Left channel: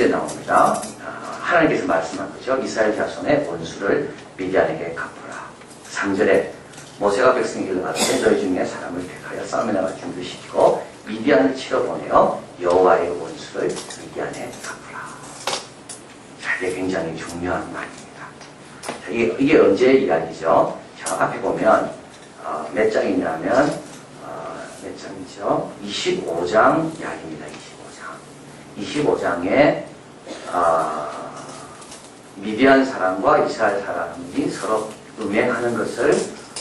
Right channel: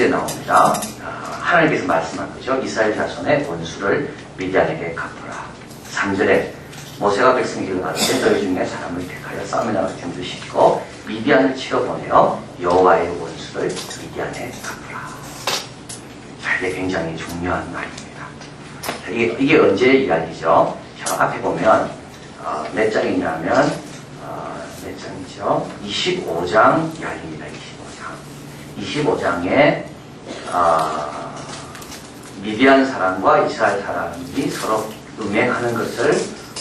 9절에 나옵니다. 하나님께서 말씀한 거죠. 이스라엘 자손의 원수를 미디안에게 갚으라. 3절에 모세가 백성에게 가르쳐 너희 중에 사람을 택하여 싸움에 나갈 준비시키고 미디안을 치러 보내어 여호와의 원수를 미디안에 갚으라. 자, 이게 굉장히 중요한 말입니다. 이게 언제 이야기죠? 저 앞에 보면 몇 장이냐면 몇 장이죠? 25장 이야기입니다. 25장에 미디안 사람과 이스라엘 사람이 서로 음행하는 것을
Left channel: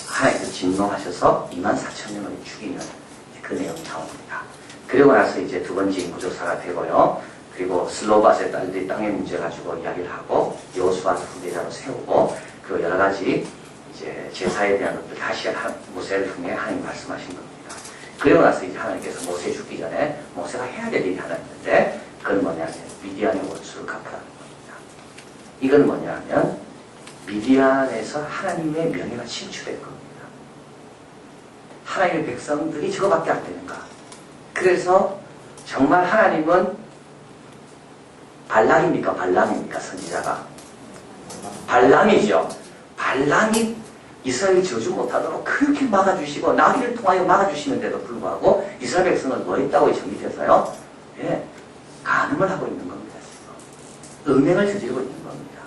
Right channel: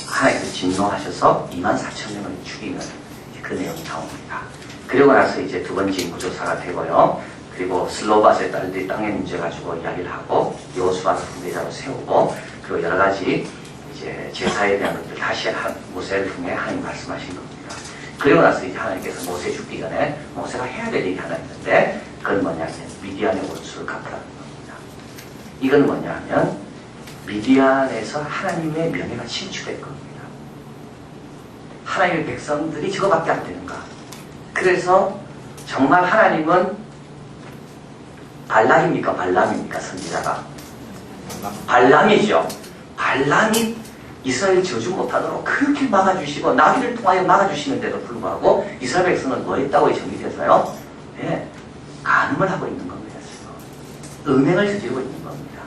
하나님께서 진노하셔서 24,000명을 죽이는 그 내용이 나옵니다. 그리고 나서 이제 두 번째 인구조사가 되고요. 그리고 슬로바스의 딸들이 땅의 문제 가지고 이야기를 하고 여호수아를 후계자로 세우고 그리고 여러 가지 이제 제사에 대한 것들 다시 모세를 통해 하나님 말씀하신 겁니다. 그리고 나서 이제 하나님께서 모세 죽기 전에 모세가 해야 될 일이 하나 있는데 그건 뭐냐면 미디안의 원수를 갚으라는 겁니다. 이건 뭐냐면 미디안에서 하나님의 명예가 침출될 겁니다. 하나님의 백성들이 저거밖에 안 되는가. 그래서 정말 하나님은 발락입니까? 발람입니까? 선지자가. 발람이죠. 발람이 이스라엘 저주 못하도록 그렇게 막아주시고 나귀를 통하여 막아주시는데도 불구하고 이스라엘 백성은 뭐 했다고 정리돼서요? 예, 간음을 하고 있는 겁니다. 지금. 음행을 저지르고 있는 겁니다.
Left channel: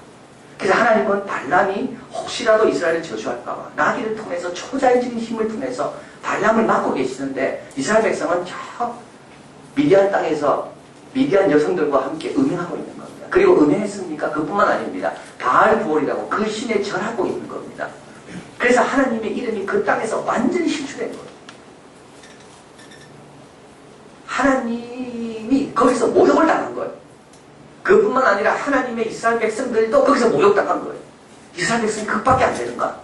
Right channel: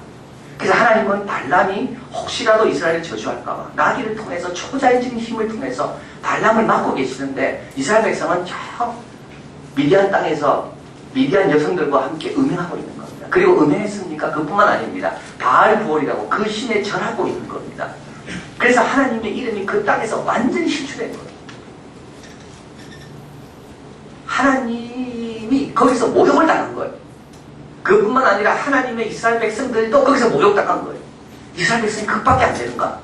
그래서 하나님은 발람이 혹시라도 이스라엘을 저주할까봐 나귀를 통해서 초자연적인 힘을 통해서 발람을 막고 계시는데 이스라엘 백성은 저 미디안 땅에서 미디안 여성들과 함께 음행하고 있는 겁니다. 그리고 음행했습니까? 그뿐만 아닙니다. 바알부올이라고 그 신에 절하고 있는 겁니다. 그래서 하나님의 이름이 그 땅에서 완전히 실추된 거예요. 하나님이 거기서 모욕을 당한 거예요. 그뿐만 아니라 하나님의 이스라엘 백성들도 거기서 모욕당한 거예요. 이스라엘 백성이 그밖에 안 되는가?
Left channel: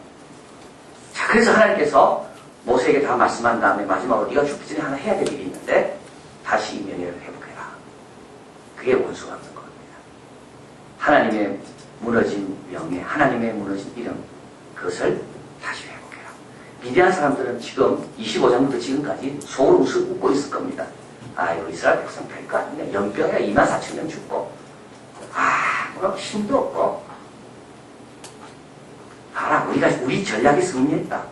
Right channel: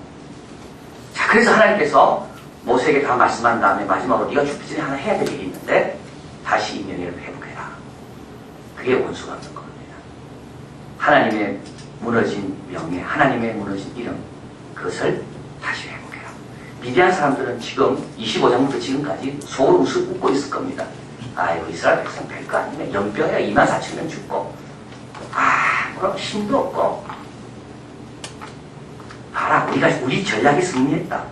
자, 그래서 하나님께서 모세에게 다 말씀한 다음에 마지막으로 네가 죽기 전에 하나 해야 될 일이 있는데 다시 이 명예를 회복해라. 그게 원수 갚는 겁니다. 하나님의 무너진 명예, 하나님의 무너진 이름, 그것을 다시 회복해라. 미디안 사람들은 지금 25장부터 지금까지 속으로 웃고 있을 겁니다. 아이고 이스라엘 백성 별거 아니네. 연병에 24,000명 죽고 뭐 힘도 없고 봐라 우리 전략이 승리했다.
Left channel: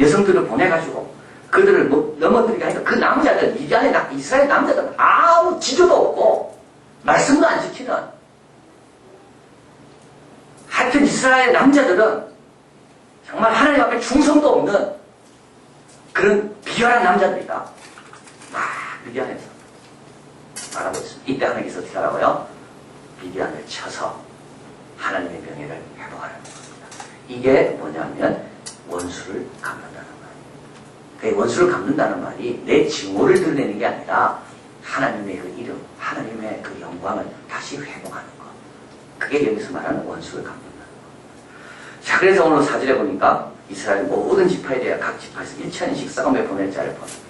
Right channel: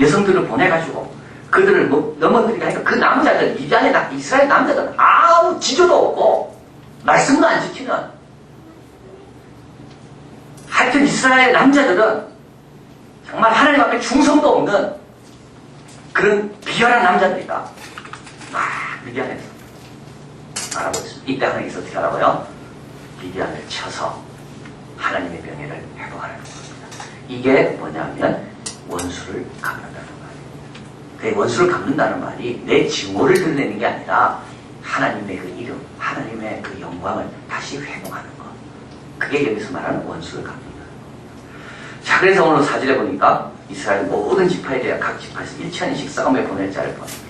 여성들을 보내가지고 그들을 넘어뜨리게 하니까 그 남자들 미디안의 이스라엘 남자들 아무 지조도 없고 말씀도 안 지키는 하여튼 이스라엘 남자들은 정말 하나님 앞에 충성도 없는 그런 비열한 남자들이다. 미디안에서 말하고 있습니다. 이때 하나님께서 어떻게 하라고요? 미디안을 쳐서 하나님의 명예를 회복하라는 겁니다. 이게 뭐냐면 원수를 갚는다는 말입니다. 그 원수를 갚는다는 말이 내 증오를 드러내는 게 아니라 하나님의 그 이름, 하나님의 그 영광을 다시 회복하는 것. 그게 여기서 말하는 원수를 갚는다는 겁니다. 자, 그래서 오늘 4절에 보니까 이스라엘 모든 지파에 대해 각 지파에서 1,000인씩 싸움에 보낼 자를 보냅니다.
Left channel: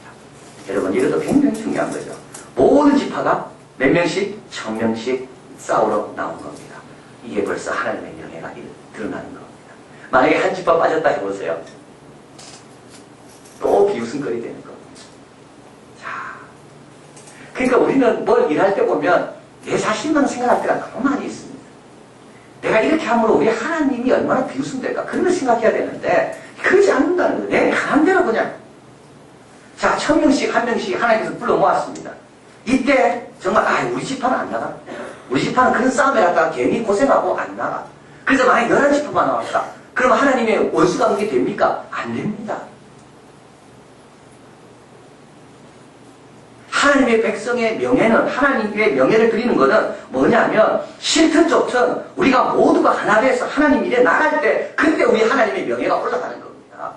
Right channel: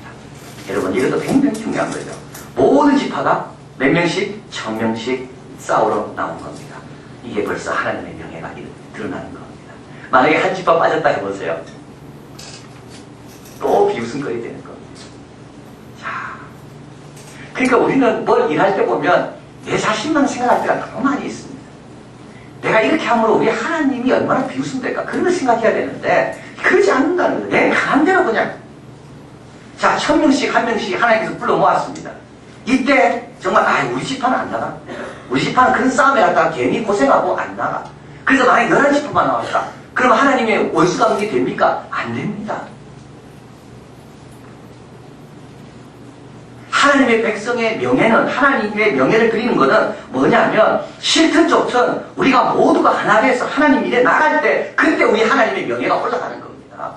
여러분 이것도 굉장히 중요한 거죠. 모든 지파가 몇 명씩? 1,000명씩 싸우러 나온 겁니다. 이게 벌써 하나님의 명예가 드러나는 겁니다. 만약에 한 지파 빠졌다 해보세요. 또 비웃음거리 되는 겁니다. 자, 그러니까 우리는 뭘 일할 때 보면 내 자신만 생각할 때가 너무 많이 있습니다. 내가 이렇게 함으로 우리 하나님이 얼마나 비웃음될까 그런 걸 생각해야 되는데 그러지 않는다는 거예요. 내 마음대로 그냥 자, 1,000명씩 한 명씩 하나님께서 불러 모았습니다. 이때 정말 우리 지파는 안 나가. 우리 지파는 그런 싸움에 갔다가 괜히 고생하고 안 나가. 그래서 만약에 11지파만 나왔다. 그러면 하나님의 원수가 그게 됩니까? 안 됩니다. 하나님의 백성의 명예는 하나님의 명예를 드리는 것은 뭐냐면 싫든 좋든 우리가 모두가 하나 돼서 하나님 일에 나갈 때 그때 우리 하나님의 명예가 올라가는 겁니다.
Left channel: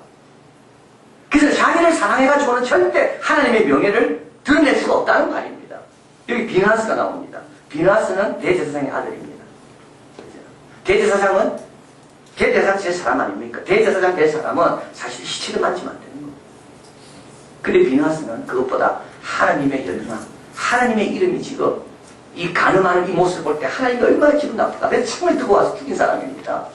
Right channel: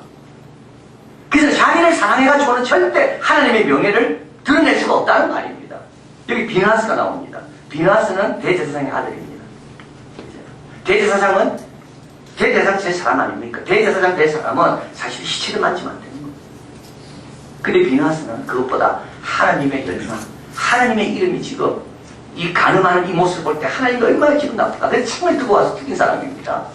그래서 자기를 사랑해가지고는 절대 하나님의 명예를 드러낼 수가 없다는 말입니다. 여기 비나스가 나옵니다. 비나스는 대제사장의 아들입니다. 대제사장 제 사람 아닙니까? 대제사장 될 사람은 사실 시체를 만지면 안 되는 겁니다. 근데 비나스는 그것보다 하나님의 열망, 하나님의 이름이 지금 이 가늠하는 이 모습을 볼 때 하나님이 얼마나 기분 나쁠까? 그래서 창을 들고 와서 죽인 사람입니다.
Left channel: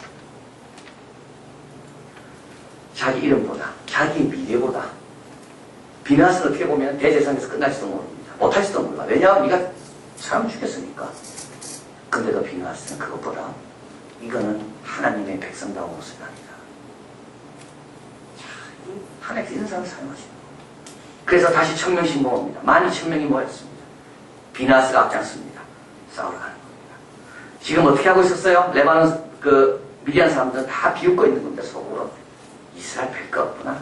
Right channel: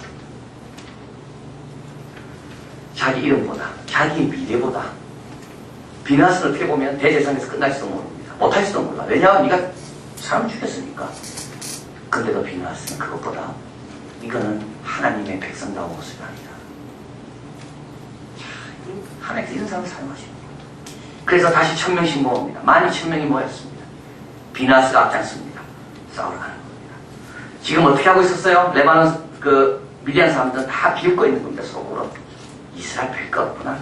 자기 이름보다, 자기 미래보다 비나스는 어떻게 보면 대제사장에서 끝날지도 모릅니다. 못할지도 몰라. 왜냐하면 네가 사람을 죽였으니까. 근데도 비누하스는 그것보다 이거는 하나님의 백성다운 모습이 아니다. 하나님께서 이런 사람을 사용하시는 거예요. 그래서 다시 1000명씩 모읍니다. 12,000명이 모였습니다. 비누하스가 앞장섭니다. 싸우러 가는 겁니다. 지금 어떻게 하고 있었어요? 레바논 미디안 사람들은 다 비웃고 있는 겁니다. 속으로. 이스라엘 별거 없구나.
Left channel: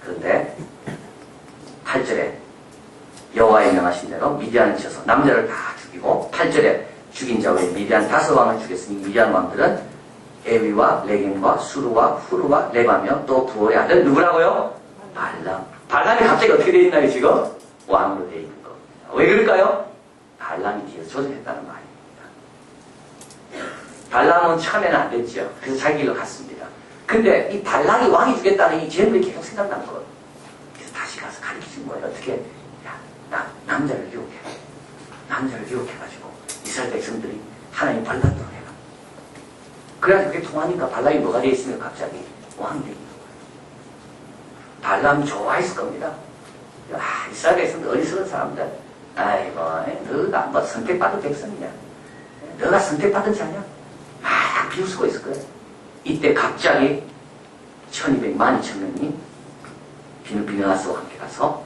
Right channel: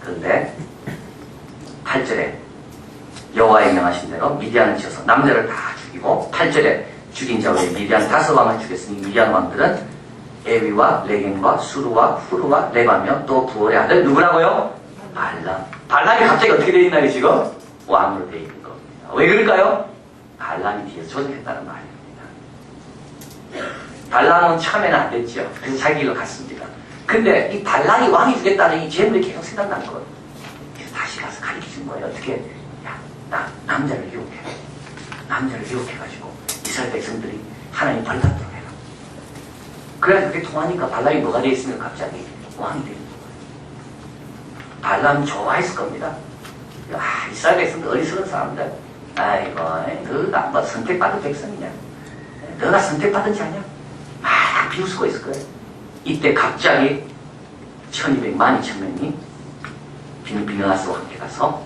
그런데 8절에 여호와의 명하신 대로 미디안을 치어서 남자를 다 죽이고 8절에 죽인 자 외에 미디안 5왕을 죽였으니 미디안 왕들은 에위와 레겜과 수루와 후루와 레바며 또 부월의 아들 누구라고요? 발람. 발람이 갑자기 어떻게 되어 있나요 지금? 왕으로 되어 있는 겁니다. 왜 그럴까요? 발람이 뒤에서 조작했다는 말입니다. 발람은 처음에는 안 됐죠. 그래서 자기 길로 갔습니다. 근데 이 발람이 왕이 주겠다는 이 재물이 계속 생각나는 거예요. 그래서 다시 가서 가르쳐준 거예요. 어떻게? 남자를 유혹해. 남자를 유혹해가지고 이스라엘 백성들이 하나님 벌 받도록 해라. 그래서 그게 통하니까 발람이 뭐가 되어 있으면 갑자기 왕이 되는 거예요. 발람 좋아했을 겁니다. 이스라엘 백성들 어리석은 사람들. 아이고, 너가 뭐 선택받은 백성이냐? 너가 선택받은 자냐? 막 비웃고 있을 거예요. 이때 갑자기 1200명이 비누하스와 함께 가서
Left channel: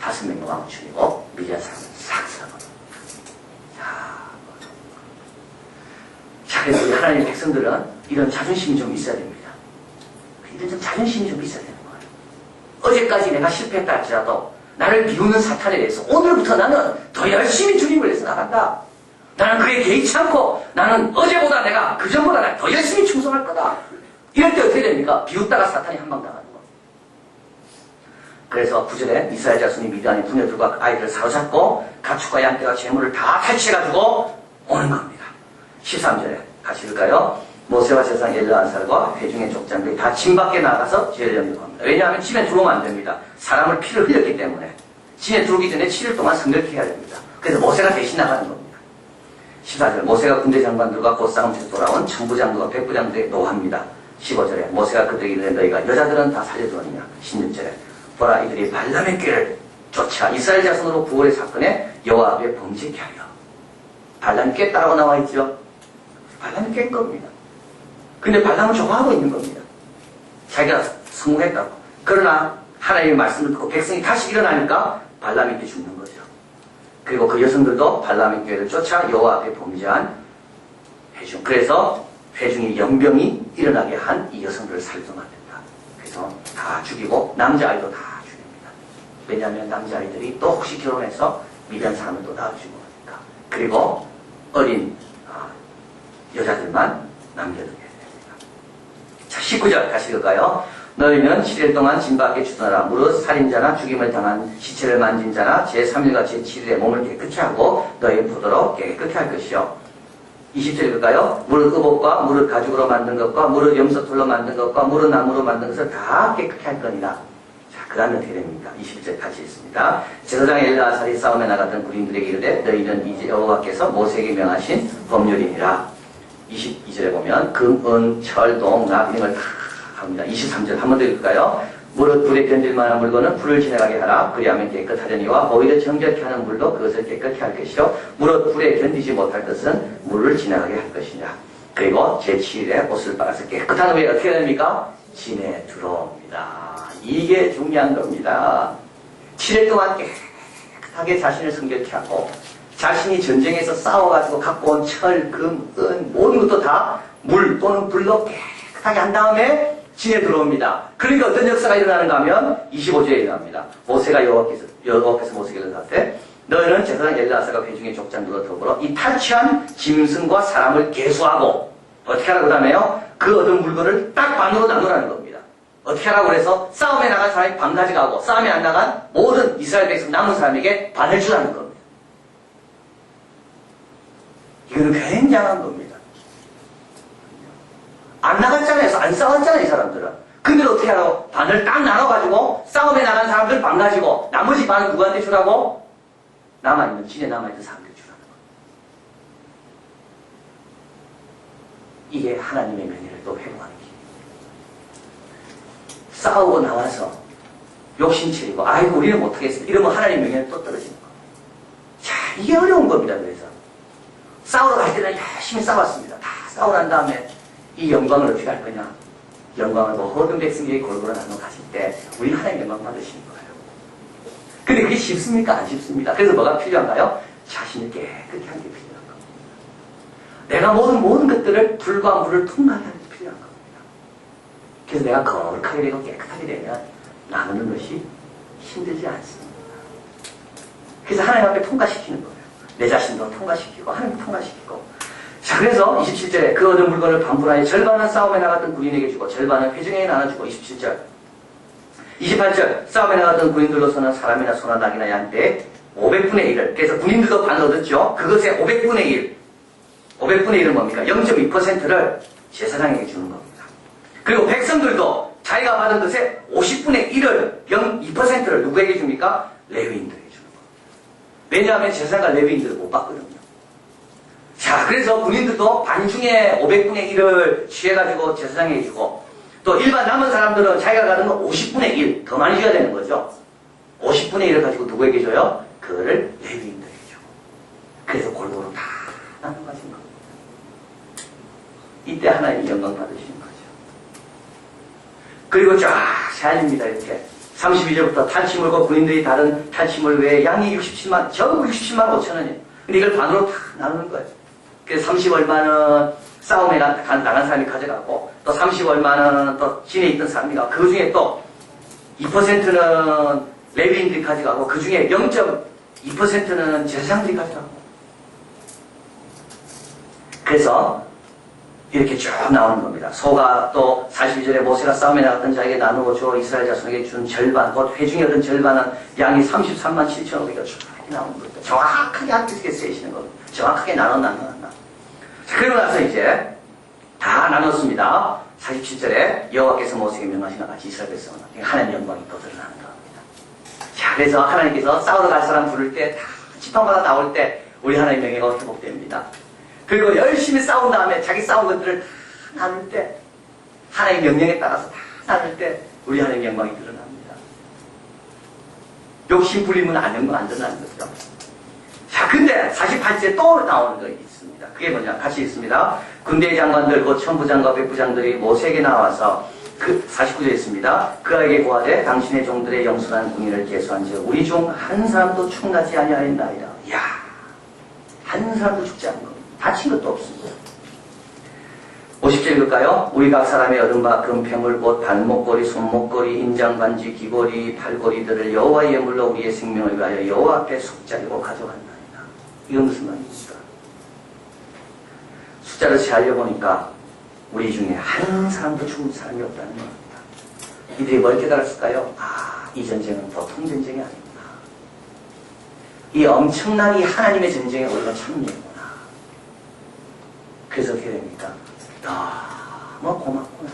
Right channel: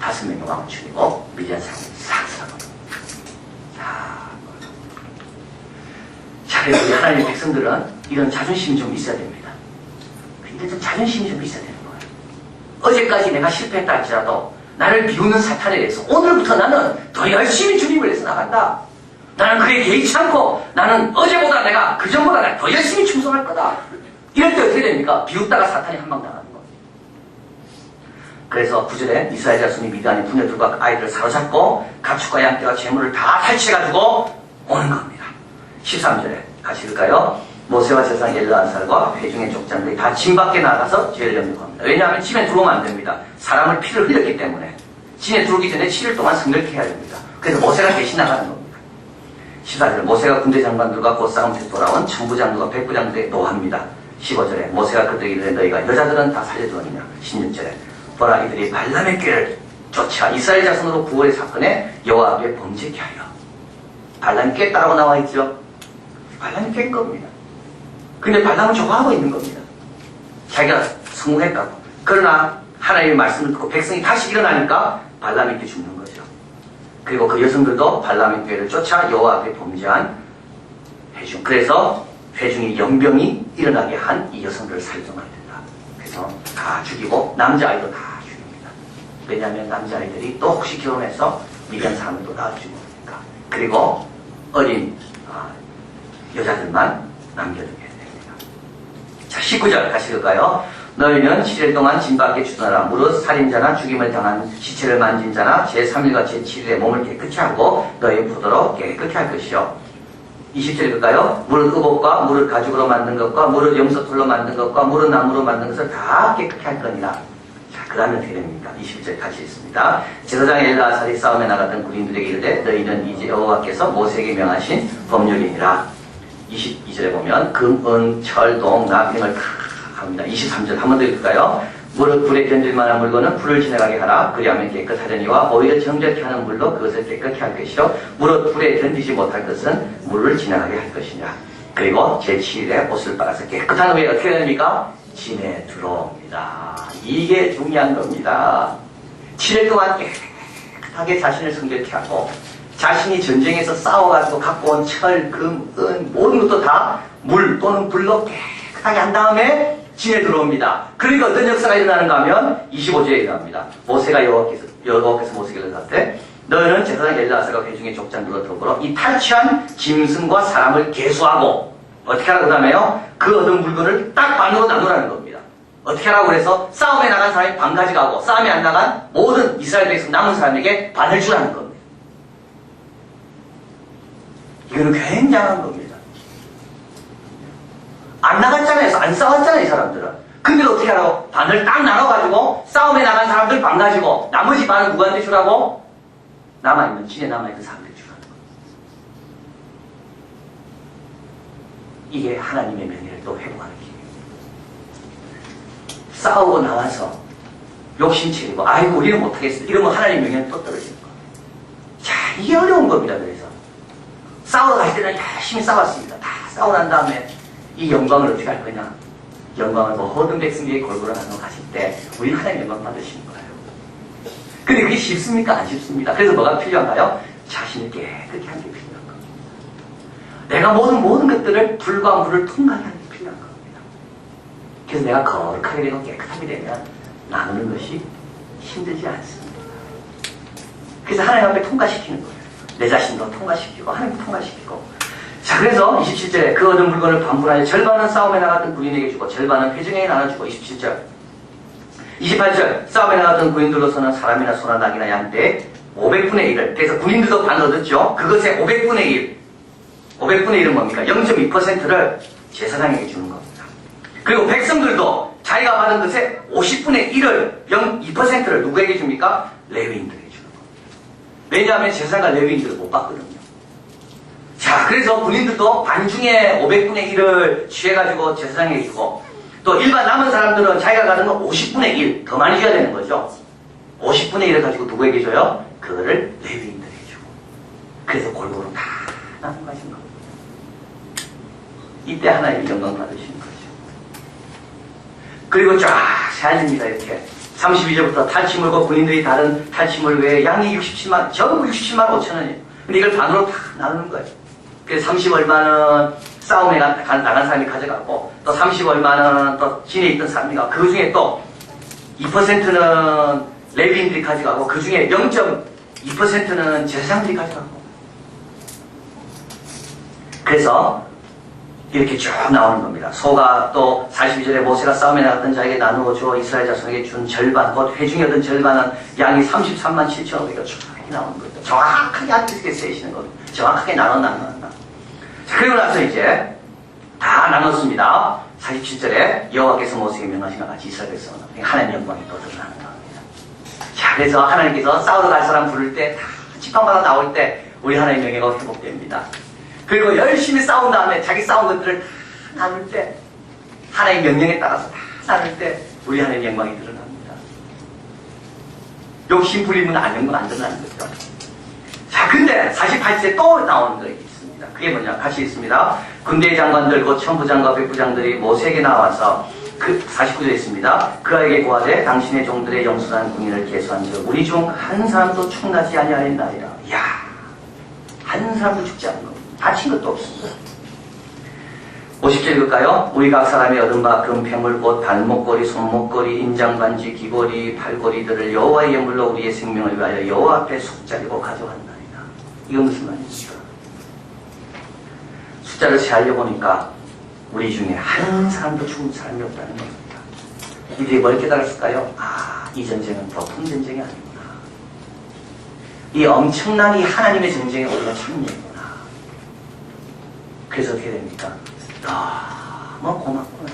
5명의 왕을 죽이고 미디안 사람을 싹 쓸어버려요. 자, 그래서 우리 하나님의 백성들은 이런 자존심이 좀 있어야 됩니다. 이런 좀 자존심이 좀 있어야 되는 거예요. 어제까지 내가 실패했다 할지라도 나를 비웃는 사탄에 대해서 오늘부터 나는 더 열심히 주님을 위해서 나간다. 나는 그에 개의치 않고 나는 어제보다 내가 그전보다 내가 더 열심히 충성할 거다. 이럴 때 어떻게 됩니까? 비웃다가 사탄이 한 방 당하는 거예요. 그래서 9절에 이스라엘 자손이 미디안의 부녀들과 아이들을 사로잡고 가축과 양떼와 재물을 다 탈취해가지고 오는 겁니다. 13절에 같이 읽을까요? 모세와 제사장 엘르아살과 회중의 족장들이 다 진 밖에 나가서 죄를 염려합니다. 왜냐하면 집에 들어오면 안 됩니다. 사람을 피를 흘렸기 때문에 집에 들어오기 전에 7일 동안 성결케 해야 됩니다. 그래서 모세가 대신 나가는 겁니다. 14절 모세가 군대 장관들과 곧싸움에서 돌아온 천부장들과 백부장들에 노합니다. 15절에 모세가 그들에게 이르되 너희가 여자들은 다 살려두었느냐. 16절에 보라 이들이 발람의 꾀를 쫓아 이스라엘 자손으로 부월의 사건에 여호와 앞에 범죄케 하여. 발람이 깼다라고 나와 있죠. 발람이 깬 겁니다. 근데 발람은 좋아하고 있는 겁니다. 자기가 성공했다고. 그러나 하나님의 말씀을 듣고 백성이 다시 일어나니까 발람이 또 죽는 거죠. 그리고 그 여성들도 발람의 꾀를 쫓아 여호와 앞에 범죄한 회중. 그래서 회중의 연병이 일어나게 한 이 여성들을 살려만 된다. 그래서 다 죽이고 남자아이도 다 죽입니다. 왜냐하면 남자아이들이 또 혹시 결혼해서 미디안 사람을 또 낳아주고 그러니까. 그리고 어린 여자들만 남겨두게 됩니다. 자, 19절 다시 읽을까요? 너희는 7일 동안 진 밖에 주둔하라. 무릇 살인자나 죽임을 당한 시체를 만진 자나 제3일과 제7일에 몸을 깨끗이 하고 너희 포도로 깨끗이 할 것이요. 20절 읽을까요? 무릇 의복과 무릇 가죽으로 만든 것과 무릇 염소털로 만든 것과 무릇 나무로 만든 것을 다 깨끗이 할 거니라. 자, 그 다음에 어떻게 됩니까? 21절 같이 있습니다. 제사장 엘르아살이 싸움에 나갔던 군인들에게 이르되 너희는 이제 여호와께서 모세에게 명하신 법률이니라. 22절에 보면 금, 은, 철, 동, 납 등을 다 합니다. 23절 한 번 더 읽을까요? 무릇 불에 견딜 만한 물건은 불을 지나가게 하라. 그리하면 깨끗하려니와 오히려 정결케 하는 물로 그것을 깨끗게 할 것이요 무릇 불에 견디지 못할 것은 물을 지나가게 할 것이니라. 그리고 제7일에 옷을 빨아서 깨끗한 후에 어떻게 됩니까? 진에 들어옵니다. 이게 중요한 겁니다. 7일 동안 깨끗하게 자신을 성결케 하고 자신이 전쟁에서 싸워가지고 갖고 온 철, 금, 은 모든 것도 다 물 또는 불로 깨끗하게 한 다음에 진에 들어옵니다. 그러니까 어떤 역사가 일어나는가 하면 25절에 일어납니다. 모세가 여호와께서 모세에게 이르되 너희는 제사장 엘르아살과 회중의 족장들과 더불어 이 탈취한 짐승과 사람을 계수하고 어떻게 하라고 하냐면요. 그 얻은 물건을 딱 반으로 나누라는 겁니다. 어떻게 하라고 그래서 싸움에 나간 사람이 반 가져가고 싸움에 안 나간 모든 이스라엘 백성 남은 사람에게 반을 주라는 겁니다. 이거는 굉장한 겁니다. 안 나갔잖아요. 안 싸웠잖아요, 이 사람들은. 근데 어떻게 하라고? 반을 딱 나눠가지고 싸움에 나간 사람들 반 가지고 나머지 반은 누구한테 주라고? 남아있는, 진에 남아있는 사람들 주라는 거예요. 이게 하나님의 명예를 또 회복하는 길이에요. 싸우고 나와서 욕심채리고 아이고 우리는 못하겠어. 이러면 하나님의 명예는 또 떨어지는 거예요. 자, 이게 어려운 겁니다. 그래서 싸우러 갈 때는 열심히 싸웠습니다. 다 싸우고 난 다음에 이 영광을 어떻게 할 거냐? 영광을 모든 백성에게 골고루 나눠 가실 때 우리 하나님 영광 받으시는 거예요. 근데 그게 쉽습니까? 안 쉽습니다. 그래서 뭐가 필요한가요? 자신을 깨끗게 하는 게 필요한 겁니다. 내가 모든 것들을 불과 물을 통과하게 하는 게 필요한 겁니다. 그래서 내가 거룩하게 되고 깨끗하게 되면 나누는 것이 힘들지 않습니다. 그래서 하나님 앞에 통과시키는 거예요. 내 자신도 통과시키고 하나님도 통과시키고. 자, 그래서 27절에 그 얻은 물건을 반분하여 절반은 싸움에 나갔던 군인에게 주고 절반은 회중에게 나눠주고. 27절 28절 싸움에 나갔던 군인들로서는 사람이나 소나 낙이나 양떼 500분의 1을, 그래서 군인들도 반 얻었죠. 그것의 500분의 1, 500분의 1은 뭡니까? 0.2%를 제사장에게 주는 겁니다. 그리고 백성들도 자기가 받은 것의 50분의 1을, 0.2%를 누구에게 줍니까? 레위인들에게 주는 겁니다. 왜냐하면 제사장과 레위인들을 못 받거든요. 자, 그래서 군인들도 반중에 500분의 1을 취해가지고 제사장에게 주고, 또 일반 남은 사람들은 자기가 가는 건 50분의 1, 더 많이 줘야 되는 거죠. 50분의 1을 가지고 누구에게 줘요? 그거를 레위인들에게 주고. 그래서 골고루 다 나눠 가신 겁니다. 이때 하나님이 영광 받으시는 거죠. 그리고 쫙 세안입니다. 이렇게 32절부터 탈취물과 군인들이 다른 탈취물 외에 양이 67만, 전부 67만 5천원이에요. 근데 이걸 반으로 다 나누는 거예요. 그래서 30 얼마는 싸움에 나간 사람이 가져가고, 또 30 얼마는 또 진에 있던 사람이 가고, 그 중에 또 2%는 레위인들이 가져가고, 그 중에 0.2%는 제사장들이 가져가고. 그래서 이렇게 쭉 나오는 겁니다. 소가 또 42절에 모세가 싸움에 나갔던 자에게 나누어 줘 이스라엘 자손에게 준 절반, 곧 회중에 얻은 절반은 양이 33만 7,500여 쭉 이렇게 나오는 겁니다. 정확하게 앞에서 세시는 겁니다. 정확하게 나눴나. 자, 그리고 나서 이제 다 나눴습니다. 47절에 여호와께서 모세에게 명하신 것 같이 이스라엘 백성은 하나님의 영광이 또 드러나는 겁니다. 자, 그래서 하나님께서 싸우러 갈 사람 부를 때 다 지팡마다 나올 때 우리 하나님의 영광이 회복됩니다. 그리고 열심히 싸운 다음에 자기 싸운 것들을 다 나눌 때, 하나님의 명령에 따라서 다 나눌 때 우리 하나님의 영광이 드러납니다. 욕심 부리면 안 드러나는 거죠. 자, 근데 48절에 또 나오는 거 있습니다. 그게 뭐냐? 같이 있습니다. 군대의 장관들, 곧 천부장과 백부장들이 모세에게 나와서 그 49절에 있습니다. 그에게 고하되 당신의 종들의 영수한 군인을 계수한즉 우리 중 한 사람도 충나지 아니하였나이다. 이야, 한 사람도 죽지 않은 겁니다. 다친 것도 없습니다. 50절 읽을까요? 우리 각 사람이 얻은 바 금패물 곧 발목걸이, 손목걸이, 인장반지, 귀걸이, 팔걸이들을 여호와의 예물로 우리의 생명을 위하여 여호와 앞에 속자리고 가져왔나이다. 이건 무슨 말입니까? 숫자를 세하려 보니까 우리 중에 한 사람도 죽은 사람이 없다는 겁니다. 이들이 뭘 깨달았을까요? 아, 이 전쟁은 보통 전쟁이 아니구나. 이 엄청난 이 하나님의 전쟁에 우리가 참여했구나. 그래서 어떻게 됩니까? 너무 고맙구나.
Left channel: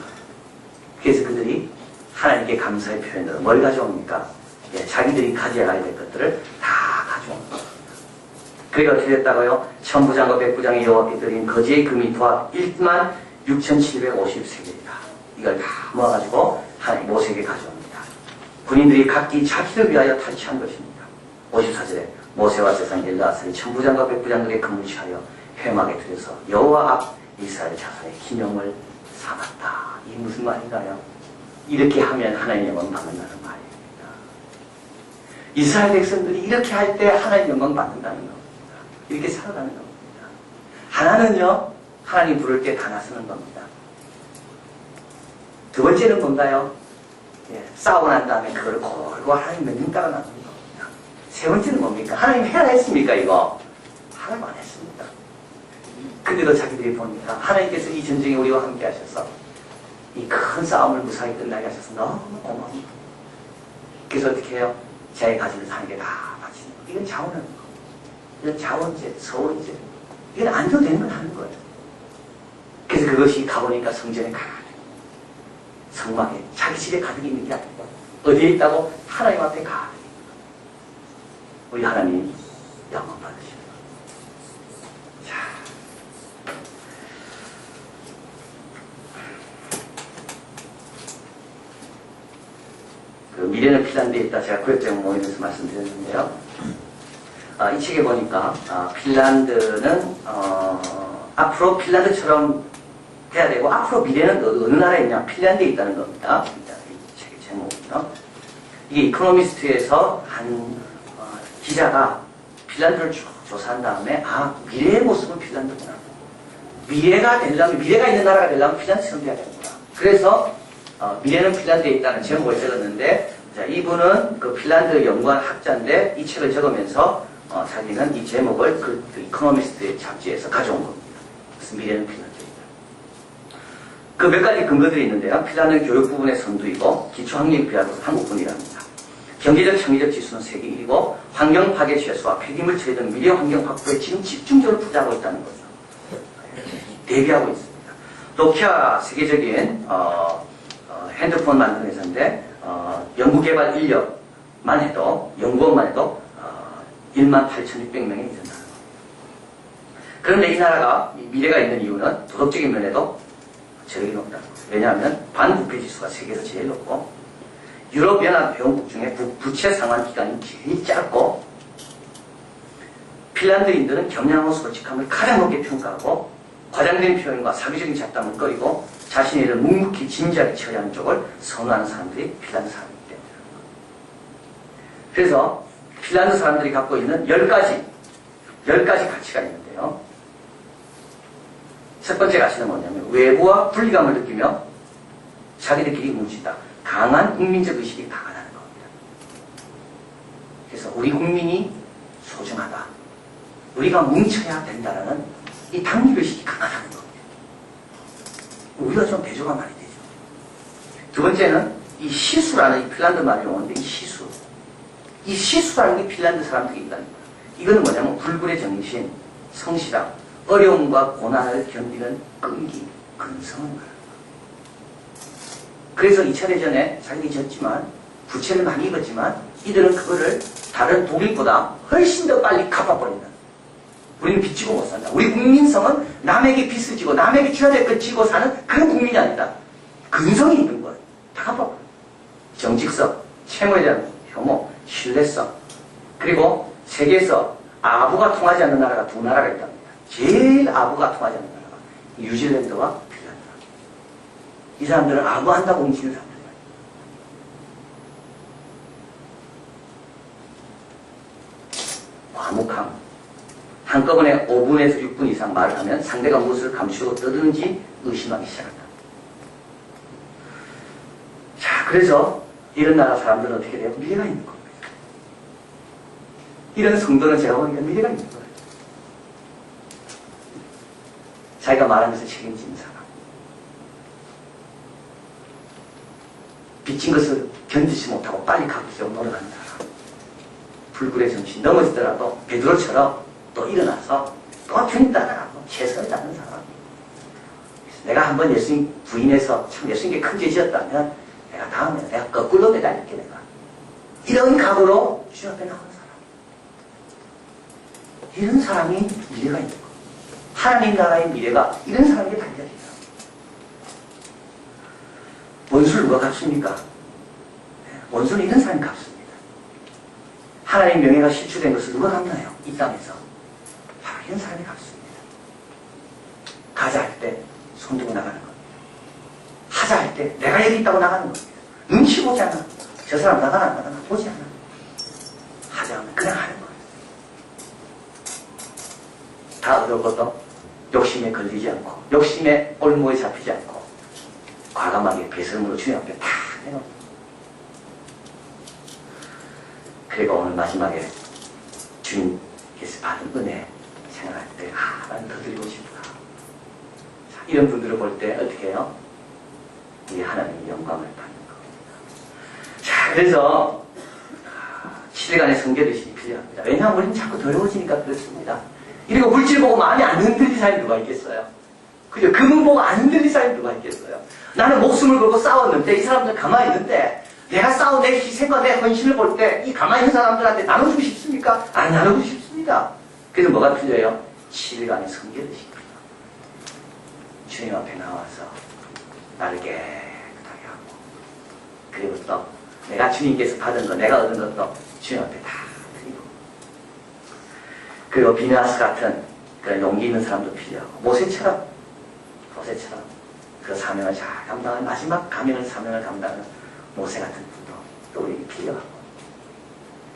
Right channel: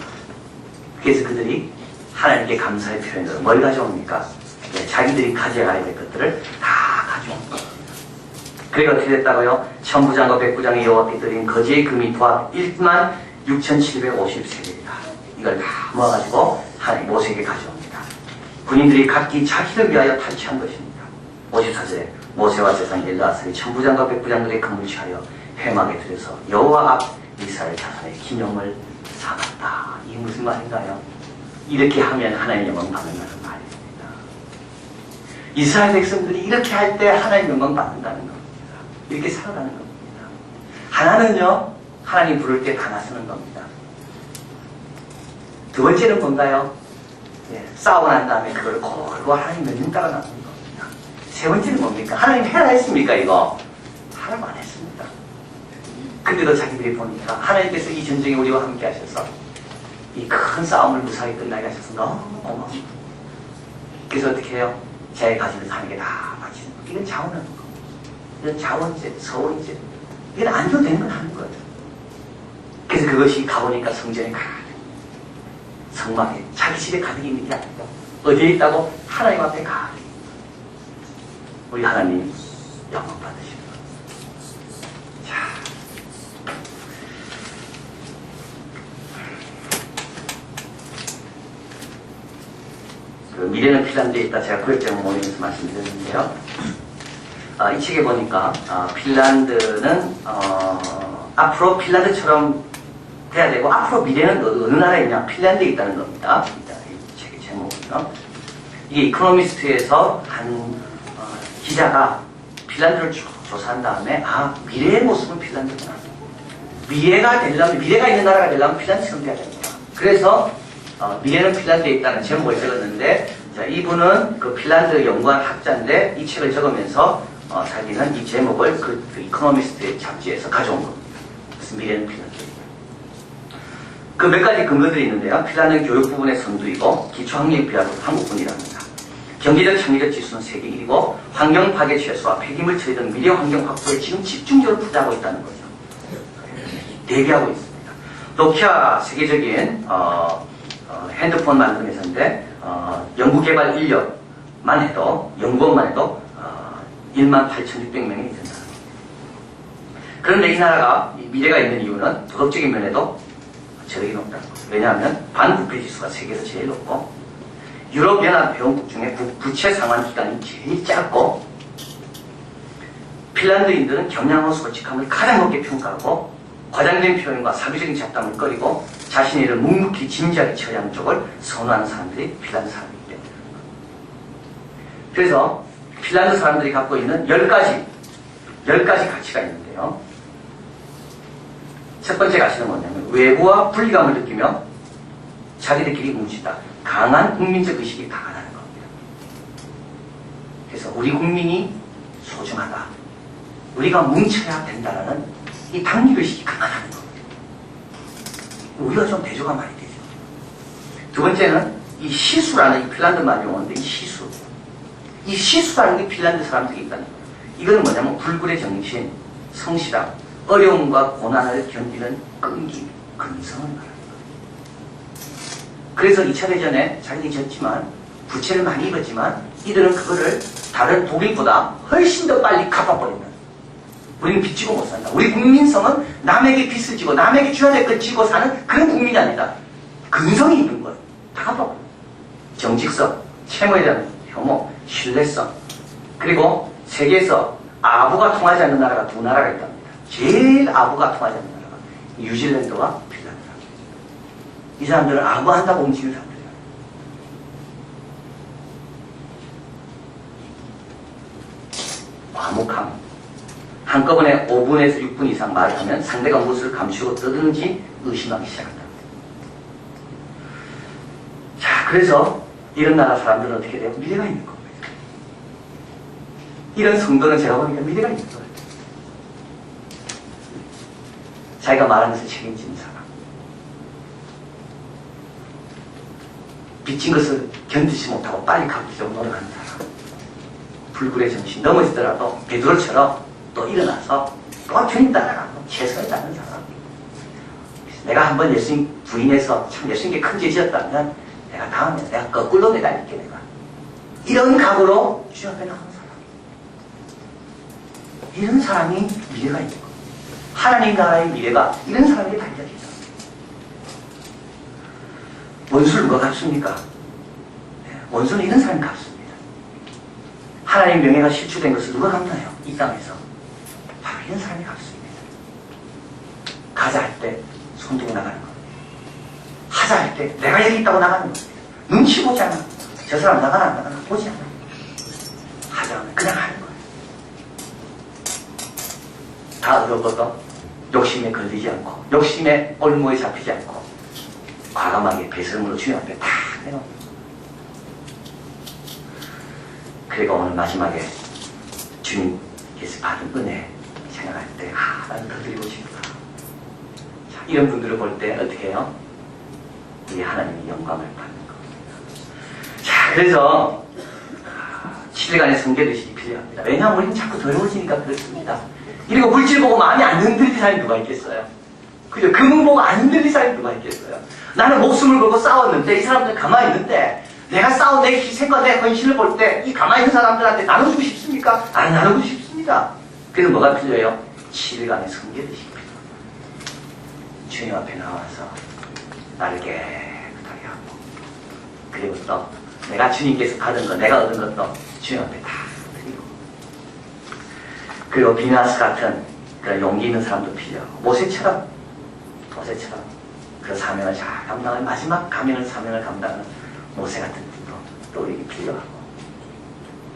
그래서 그들이 하나님께 감사의 표현으로 뭘 가져옵니까? 예, 자기들이 가져가야 될 것들을 다 가져온 겁니다. 그게 어떻게 됐다고요? 천부장과 백부장이 여호와께 드린 거지의 금이 도합 1만 6,750세겔이다. 이걸 다 모아가지고 하나님 모세에게 가져옵니다. 군인들이 각기 자기를 위하여 탈취한 것입니다. 54절에 모세와 세상 엘라사리 천부장과 백부장들의 금을 취하여 회막에 들여서 여호와 앞 이스라엘 자손의 기념을 삼았다. 이게 무슨 말인가요? 이렇게 하면 하나님 영광 받는다는 말입니다. 이스라엘 백성들이 이렇게 할 때 하나님 영광 받는다는 겁니다. 이렇게 살아가는 겁니다. 하나는요, 하나님 부를 때 다 나서는 겁니다. 두 번째는 뭔가요? 예, 싸우고 난 다음에 그걸 골고 하나님 명령 따라 나서는 겁니다. 세 번째는 뭡니까? 하나님 해라 했습니까, 이거? 하나님 안 했습니다. 근데도 자기들이 보니까 하나님께서 이 전쟁에 우리와 함께 하셔서 이 큰 싸움을 무사히 끝나게 하셔서 너무 고마워요. 그래서 어떻게 해요? 자기 가진 것 하는 게 다 바치는 거. 이건 자원하는 거. 이건 자원제, 서원제. 이건 안 줘도 되는 건 하는 거예요. 그래서 그것이 가보니까 성전에 가득, 성막에 자기 집에 가득 있는 게 아니고 어디에 있다고? 하나님 앞에 가득. 우리 하나님 영광 받으시고. 그 미래는 핀란드에 있다. 제가 구역장 모임에서 말씀드렸는데요. 이 책에 보니까 핀란드는 앞으로 핀란드처럼 돼야 되고, 앞으로 미래는 어느 나라에 있냐? 핀란드에 있다는 겁니다. 이 책의 제목은요. 이게 이코노미스트에서 한 기자가 핀란드를 쭉 조사한 다음에, 아, 미래의 모습은 핀란드구나. 미래가 있는 나라가 되려면 핀란드처럼 돼야 되는구나. 그래서 미래는 핀란드에 있다는 제목을 적었는데, 자, 이분은 그 핀란드 연구원 학자인데 이 책을 적으면서 자기는 이 제목을 그 이코노미스트의 잡지에서 가져온 겁니다. 그래서 미래는 핀란드에 있다. 그 몇 가지 근거들이 있는데요. 핀란드는 교육 부분의 선두이고 기초학력에 비하면 한국뿐이랍니다. 경제적 창의적 지수는 세계 1위고 환경 파괴 최소화, 폐기물 처리 등 미래 환경 확보에 지금 집중적으로 투자하고 있다는 거죠. 대비하고 있습니다. 노키아 세계적인 핸드폰 만드는 회사인데 연구개발 인력만 해도 연구원만 해도 18,600명에 이른다는 겁니다. 그런데 이 나라가 미래가 있는 이유는 도덕적인 면에도 저력이 높다는 거죠. 왜냐하면 반부패 지수가 세계에서 제일 높고 유럽연합 회원국 중에 부채 상환 기간이 제일 짧고 핀란드인들은 겸양하고 솔직함을 가장 높게 평가하고 과장된 표현과 사교적인 잡담을 꺼리고 자신의 일을 묵묵히 진지하게 처리하는 쪽을 선호하는 사람들이 핀란드 사람이기 때문에 그래서 핀란드 사람들이 갖고 있는 10가지 가치가 있는데요. 첫 번째 가치는 뭐냐면 외부와 분리감을 느끼며 자기들끼리 뭉친다. 강한 국민적 의식이 강하다는 겁니다. 그래서 우리 국민이 소중하다. 우리가 뭉쳐야 된다는 이 당립의식이 강하다는 겁니다. 우리가 좀 대조가 많이 되죠. 두 번째는 이 시수라는 이 핀란드 말 용어인데 이 시수라는 게 핀란드 사람들이 있다는 거예요. 이거는 뭐냐면 불굴의 정신, 성실함, 어려움과 고난을 견디는 끈기, 근성을 말하는 거예요. 그래서 2차 대전에 자기들이 졌지만 부채를 많이 입었지만 이들은 그거를 다른 독일보다 훨씬 더 빨리 갚아버린다. 우리는 빚 지고 못 산다. 우리 국민성은 남에게 빚을 지고 남에게 줘야 될 걸 지고 사는 그런 국민이 아니다. 근성이 있는 거예요. 다 갚아버려요. 정직성, 채무에 대한 혐오, 신뢰성. 그리고 세계에서 아부가 통하지 않는 나라가 두 나라가 있답니다. 제일 아부가 통하지 않는 나라가 뉴질랜드와 핀란드랍니다. 이 사람들은 아부한다고 움직이는 사람들이에요. 과묵함. 한꺼번에 5분에서 6분 이상 말을 하면 상대가 무엇을 감추고 떠드는지 의심하기 시작한다. 자, 그래서 이런 나라 사람들은 어떻게 돼요? 미래가 있는 겁니다. 이런 성도는 제가 보니까 미래가 있는 거예요. 자기가 말하는 것을 책임지는 사람. 빚진 것을 견디지 못하고 빨리 갚으려고 노력하는 사람. 불굴의 정신, 넘어지더라도 베드로처럼 또 일어나서 또 주님 따라가고 최선을 다하는 사람. 내가 한번 예수님 부인해서 참 예수님께 큰 죄 지었다면 내가 다음에 내가 거꾸로 매달릴게 내가. 이런 각오로 주님 앞에 나가는 사람. 이런 사람이 미래가 있는 거예요. 하나님 나라의 미래가 이런 사람에게 달려있다. 원수를 누가 갚습니까? 원수는 이런 사람이 갚습니다. 하나님 명예가 실추된 것을 누가 갚나요? 이 땅에서. 바로 이런 사람이 갚습니다. 가자 할 때 손 들고 나가는 겁니다. 하자 할 때 내가 여기 있다고 나가는 겁니다. 눈치 보지 않아. 저 사람 나가나 안 나가나 보지 않아. 하자 하면 그냥 하는 거예요. 다 얻어거도 욕심에 걸리지 않고 욕심에 올무에 잡히지 않고 과감하게 배설물로 주님 앞에 다 내놓는. 그리고 오늘 마지막에 주님께서 받은 은혜 생각할 때 난 더 드리고 싶다. 자, 이런 분들을 볼 때 어떻게 해요? 우리 하나님이 영광을 받는 겁니다. 자, 그래서 7일간의 성결의식이 필요합니다. 왜냐하면 우리는 자꾸 더러워지니까 그렇습니다. 그리고 물질 보고 마음이 안 흔들릴 사람이 누가 있겠어요? 그죠? 금은 보고 안 흔들릴 사람이 누가 있겠어요? 나는 목숨을 걸고 싸웠는데 이 사람들 가만히 있는데 내가 싸운 내 희생과 내 헌신을 볼 때 이 가만히 있는 사람들한테 나눠주고 싶습니까? 안 나누고 싶습니다. 그래서 뭐가 필요해요? 7일간의 성결의식이 필요합니다. 주님 앞에 나와서 나를 깨끗하게 하고 그리고 또 내가 주님께서 받은 것, 내가 얻은 것도 주님 앞에 다 드리고 그리고 비누아스 같은 그런 용기 있는 사람도 필요하고 모세처럼 그 사명을 잘 감당하는 마지막 사명을 감당하는 모세 같은 분도 또 우리에게 필요하고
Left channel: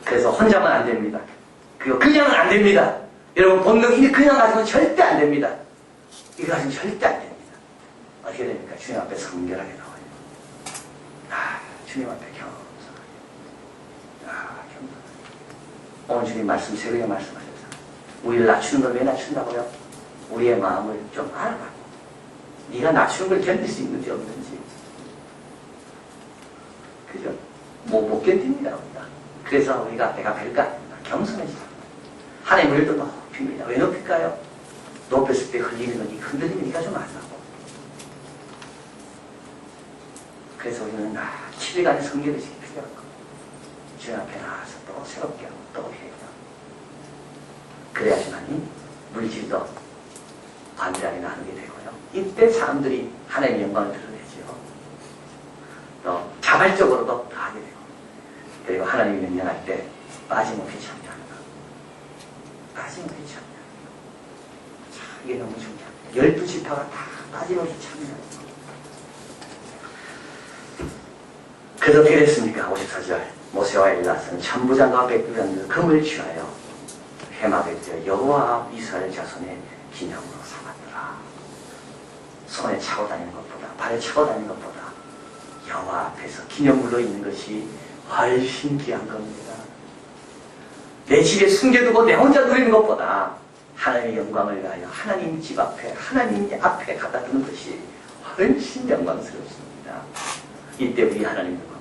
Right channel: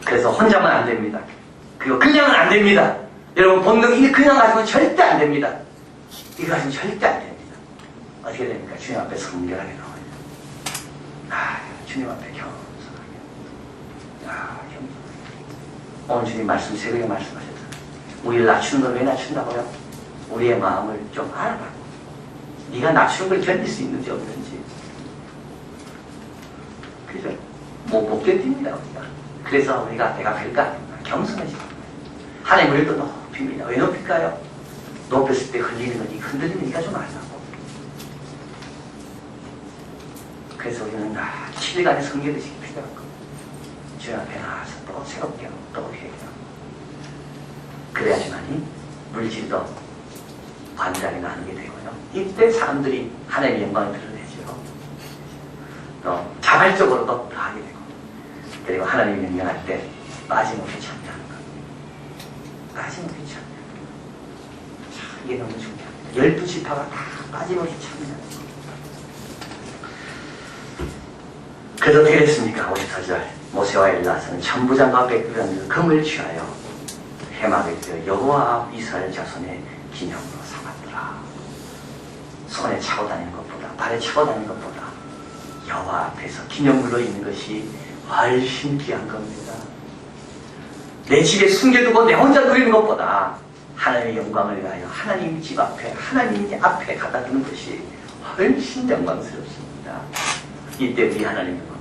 그래서 혼자만 안 됩니다. 그리고 그냥은 안 됩니다. 여러분 본능이 그냥 가지고는 절대 안 됩니다. 이거 가지고는 절대 안 됩니다. 어떻게 됩니까? 주님 앞에 성결하게 나와요. 주님 앞에 겸손하게. 겸손하게. 오늘 주님 말씀 새벽에 말씀하셨잖아요. 우리를 낮추는 걸 왜 낮춘다고요? 우리의 마음을 좀 알아봐고 네가 낮추는 걸 견딜 수 있는지 없는지. 그죠? 못 견딥니다 우리가. 그래서 우리가 내가 별거 아닙니다. 겸손해지는 거예요. 하나님을 또 높입니다. 왜 높일까요? 높였을 때 흔들리는 거지. 흔들리면 네가 좀 알라고. 그래서 우리는 7일간의 성결의식이 필요한 겁니다. 주님 앞에 나와서 또 새롭게 하고 또 회개하고 그래야지만이 물질도 관대하게 나누게 되고요. 이때 사람들이 하나님의 영광을 드러내죠. 또 자발적으로도 다 하게 되고 그리고 하나님이 명령할 때 빠짐없이 참여하는 것. 빠짐없이 참여하는 것. 자, 이게 너무 중요합니다. 12지파가 다 빠짐없이 참여하는 것. 그래서 어떻게 됐습니까? 54절 모세와 엘라사는 천부장과 백부장들 금을 취하여 회막에 들여 여호와 앞 이스라엘 자손의 기념으로 삼았더라. 손에 차고 다니는 것보다 발에 차고 다니는 것보다 여호와 앞에서 기념물로 있는 것이 훨씬 귀한 겁니다. 내 집에 숨겨두고 내 혼자 누리는 것보다 하나님의 영광을 위하여 하나님 집 앞에 하나님 앞에 갖다 두는 것이 훨씬 영광스럽습니다. 이때 우리 하나님 영광